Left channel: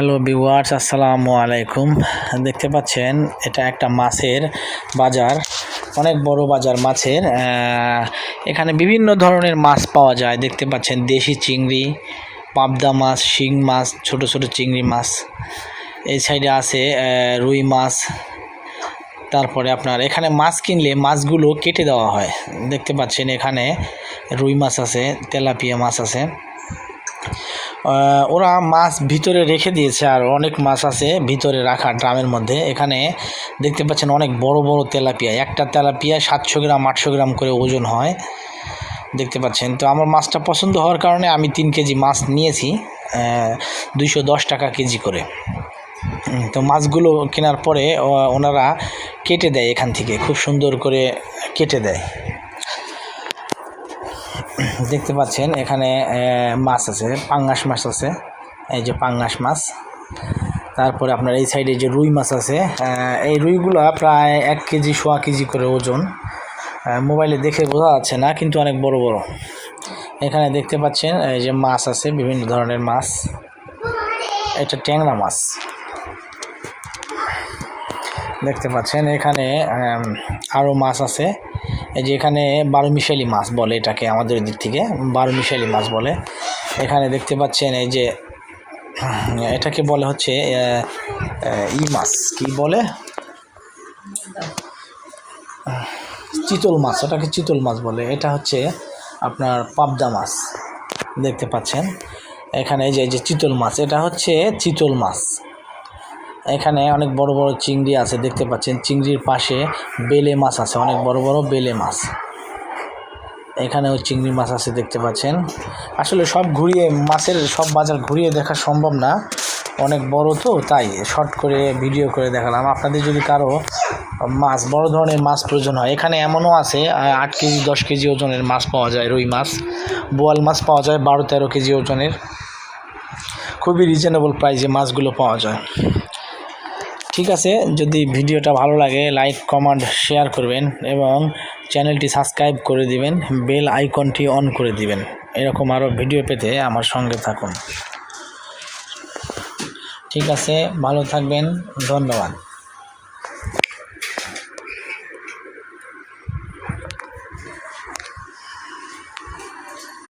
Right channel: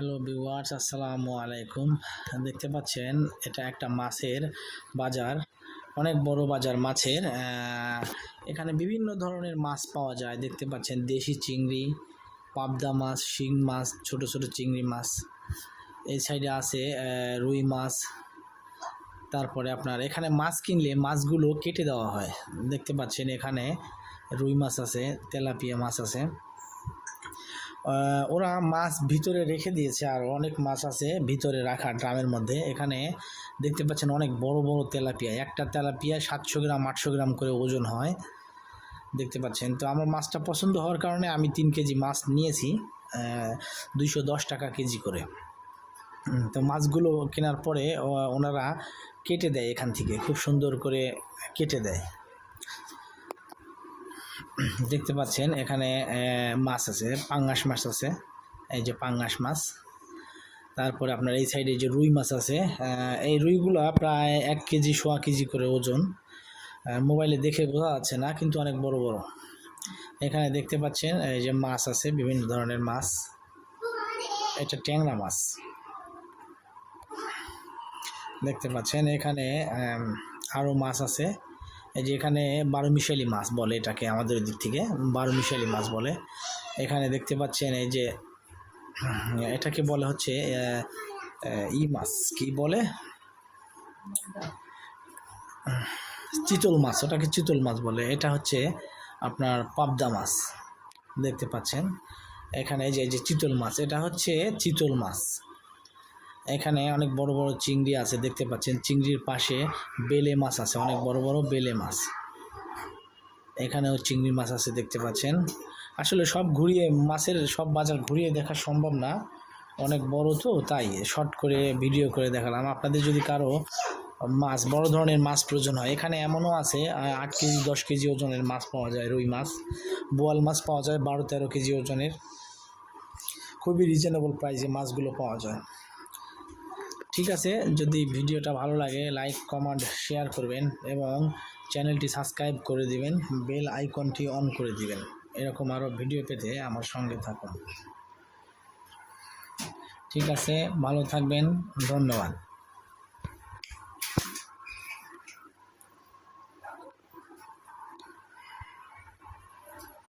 Hello viewers, আসসালামু আলাইকুম। দেখতে পাচ্ছেন এটা একটা মাছের বাজার, অনেক বড় বাজার মাছের। এখানে বিভিন্ন ধরনের মাছ পাওয়া যায়। দেখতে পাচ্ছেন দেশি চিংড়ি, পাবদা মাছ, শিং মাছ, ছোট ছোট চিংড়ি মাছ। এই সাইডে আছে রুই মাছ। তারপরে আপনার এখানে মাছ কিনলে মাছগুলো কেটে দেওয়া হয়। দেখতে পাচ্ছেন এখানে রুই মাছ আছে, তেলাপিয়া মাছ আছে। ওরা মাছ ভিতরে রেখে দিয়েছে, আর অনেক মাছ আছে ভিতরে রাখা ড্রামের মধ্যে। এখানে দেখতে পাচ্ছেন অনেক বড় বড় তেলাপিয়া, একটা তেলাপিয়া 700 গ্রাম 800 গ্রাম করে ওজন হয়। দেখতে পাচ্ছেন, তো আমার মাছটা পছন্দ হওয়ার কারণে আমি 3 কেজি মাছ নিয়েছি, 210 টাকা কেজি করে। তো মাছগুলো কেনার পরে ওনারা কেটে দেয়, এখান থেকে খুব সুন্দর করে কেটে দেয়। দেখতে পাচ্ছেন এখানে মাছ আছে, পাঙ্গাস মাছ আছে, এই যে পাঙ্গাস মাছ। তারপরে আপনার এই সাইডে যে রুই মাছ আছে, এই রুইগুলো প্রায় 1 কেজি 1.25 কেজি করে ওজন। মোবাইলে দেখে বোঝা যাচ্ছে না, কিন্তু অনেক বড় বড়। এখানে দেখতে পাচ্ছেন এই যে মাছ আছে, বিভিন্ন ধরনের মাছ। এটা ট্যাংরা মাছ। দেখতে পাচ্ছেন এখানে আরও মাছ আছে। এই যে এখানে 12 মিশালি মাছ বলে, এটাকে আমাদের দিক থেকে 12 মিশালি মাছ বলে। এখানে দেখতে পাচ্ছেন এই যে এটাকে বলে হচ্ছে মাছ কি বলে, চিতল মাছ। এটাকে চিতল মাছ বলে। এটা হচ্ছে আপনার পাবদা মাছ। দেখতে পাচ্ছেন এখানে এই যে চিতল মাছ, এটা হচ্ছে চিতল মাছ। এখানে অনেক বড় বড় চিংড়ি আছে, দেখতে পাচ্ছেন। চিংড়ির পাশে বেলে মাছ আছে, অনেক বড় বড় বেলে মাছ। এখানেও চিংড়ি মাছ আছে, দেখতে পাচ্ছেন। আসলে সব ঘুরিয়ে মাছের সব বাজার ঘুরিয়ে দেখা সম্ভব না, অনেক বড় তো, তাই শর্ট করে ভিডিও করে দেখালাম। আপনাদের যদি কারো মাছ, বড় ধরনের মাছ প্রয়োজন হয়, এখানে এমনও আছে 8 কেজি 10 কেজি ওজনের মাছ পাওয়া যায়। রুই মাছ, বোয়াল মাছ পাওয়া যায় 12-13 কেজি ওজনের। খুবই রিজনেবল প্রাইসে মাছগুলো পাওয়া যায়। ঠিক আছে, যদি ভিডিওটা ভালো লাগে লাইক কমেন্ট শেয়ার করবেন এবং চ্যানেলটি সাবস্ক্রাইব করে দিবেন, বেল আইকনটি অন করে দিবেন। এরকম আরও ভিডিও পেতে আমার সঙ্গে থাকুন। ঠিক আছে, ভালো থাকবেন, ধন্যবাদ।